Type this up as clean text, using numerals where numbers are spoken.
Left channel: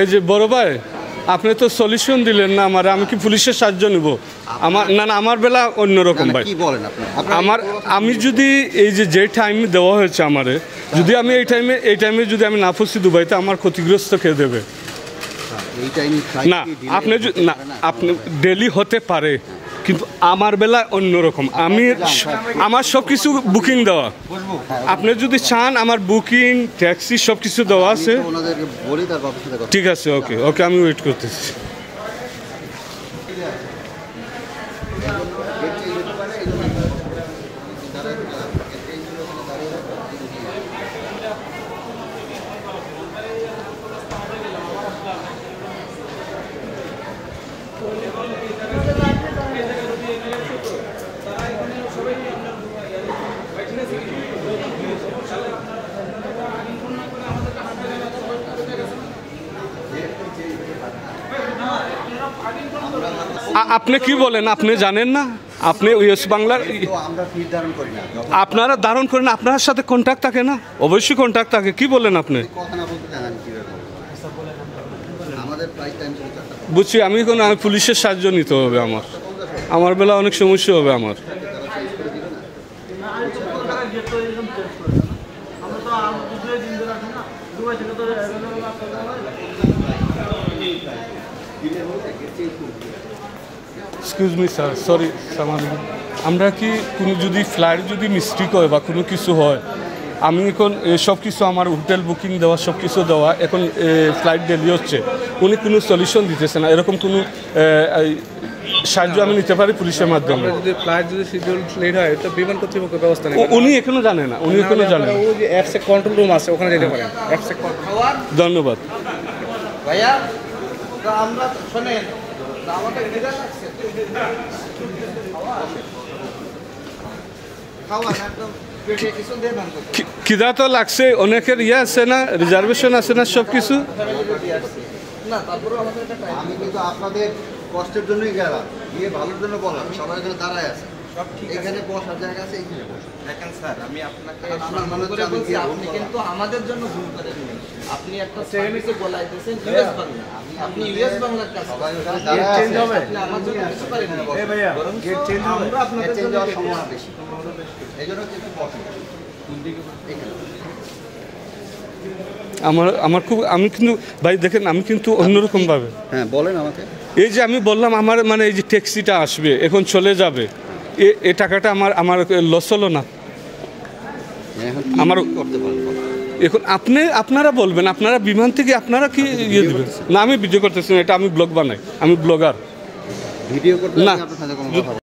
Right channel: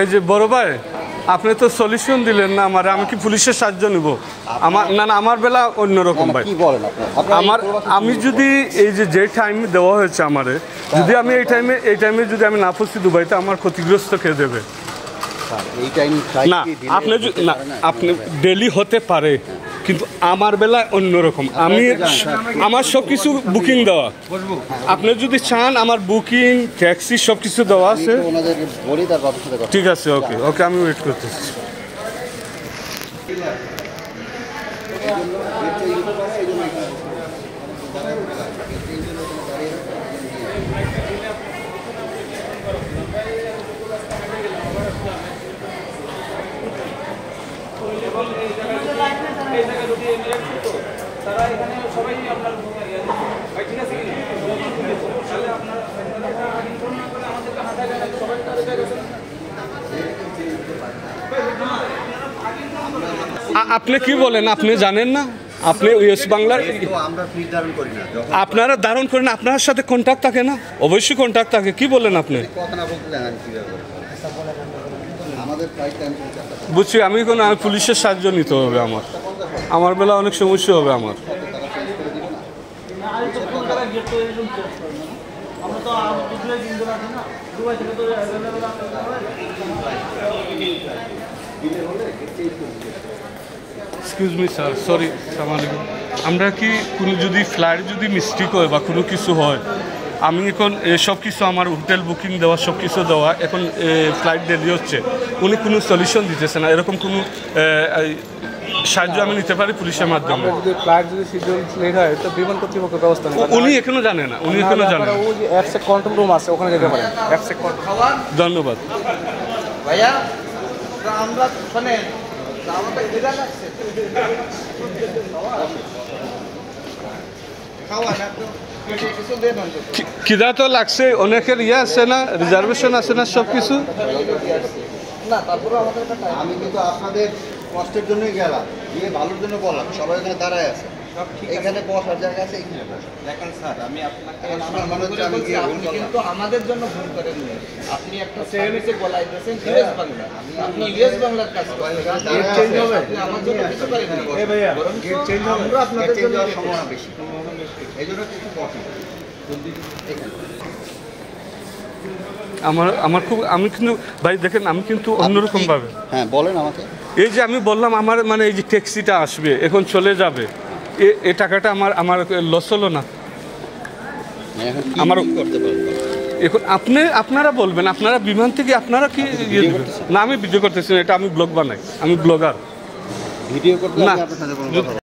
এই যে বড় ভাই, আপনি তো সলিউশন দিলেন না আমার, আমি কি পুলিশের সাহায্য নিব? আমার না না, আমার বেলা অন্যরকম ভাই। আমি যদি এই যে টাইম দেওয়া হয়েছে আমারে, যদি আমি এই টাইমে যদি আমি না পৌঁছি দুবাইতে, আমার ক্ষতিগ্রস্ত কে দেবে? না আপনি ডেলি হতে পারে, কিন্তু আমার বেলা অন্যরকম। আমার সব কিছু বুকিং দেওয়া। আপনি যদি চান আমার বুকিং, ট্যাক্সি সব কিছু দেওয়া আছে। ঠিক আছে, ওকে ওকে, আমি ওয়েট করতেছি। আপনি কি বলেন? আপনি জানেন না? আপনি ওয়েস্ট বাংলার, আপনারা ধারণ করেন, আপনার সাথে কন্ট্যাক্ট থাকে না? অবশ্যই কন্ট্যাক্ট থাকে। কি বলেন আপনি? বুঝছি, আমি পুলিশের সাহায্য নিতে হবে। আমার বেলা অনেক সমস্যা হবে আমার। Excuse me sir, sorry. আমরা কি কোনো যদি ফ্লাইট যদি মিস্টেক হয় বা কোনো কিছু হয়, আমি এখন সব কিছু আমার হোটেল বুকিং দেওয়া, সব কিছু দেওয়া, এখন ফ্লাইট দেরি হচ্ছে, উনি কোনো সলিউশন দিতেছে না। এরকম কোনো সাহায্য আমি নিতে পারি পুলিশের মাধ্যমে? যদি ফ্লাইট যদি শিডিউল লেট হয়, তো বিমান কর্তৃপক্ষ ব্যবস্থা নেই। উনি এখনো জানে না, উনি এখনো জানেন। ওই যে অ্যাপসে কন্ট্রোল রুম আছে, ওখানে যেতে পারেন। অ্যাপসে ধন্যবাদ ভাইয়া। আমরা শোনেন, আমাদের ডিজাইন আছে খিদা তো লাগছে, অনেকের ইয়ে আছে না, রিজার্ভেশন আছে না, সব কিছু না। তারপরেও আমাদের আমি কিন্তু আপনাদের কষ্টের জন্যই গেলাম, গিয়ে ভালোর জন্য বললাম। সবাই এখানে দাঁড়ায় আছে, এখানে বসার জায়গা আছে। দেখেন স্যার, আমি আপনাকে আপনি কিন্তু আমাদের জন্য ভুল করে দিলেন। আপনি একটা সার্ভিসে বলাইতেছেন ইউএস বাংলা, আপনি ইউএস বাংলার কাছে আমার জন্য কিছু করেন না। গেট চেঞ্জ হবে, আমরা আপনাদের চেঞ্জ হওয়ার সম্ভাবনা বেশি, এই জন্য কিছু কঠিন। আমার খুব, আমি কিন্তু ভাই দেখেন, আমি কিন্তু অন্যরকম ভাবে। হ্যাঁ বলেন আমাকে। এই যে আমি বললাম আমার এই যে ট্যাক্সিটা আসবে, এখন চলে যাবে, এই টাকাটা আমার লস হলো না? আমার এখন আপনারা বলবেন, আপনারা বিমান থেকে আপনারা কি ইয়ে দেবেন না? আমি ভিডিও করতেছি না, এটা আমি ব্লগ বানাই, আমি ব্লগার। ভিডিও করতে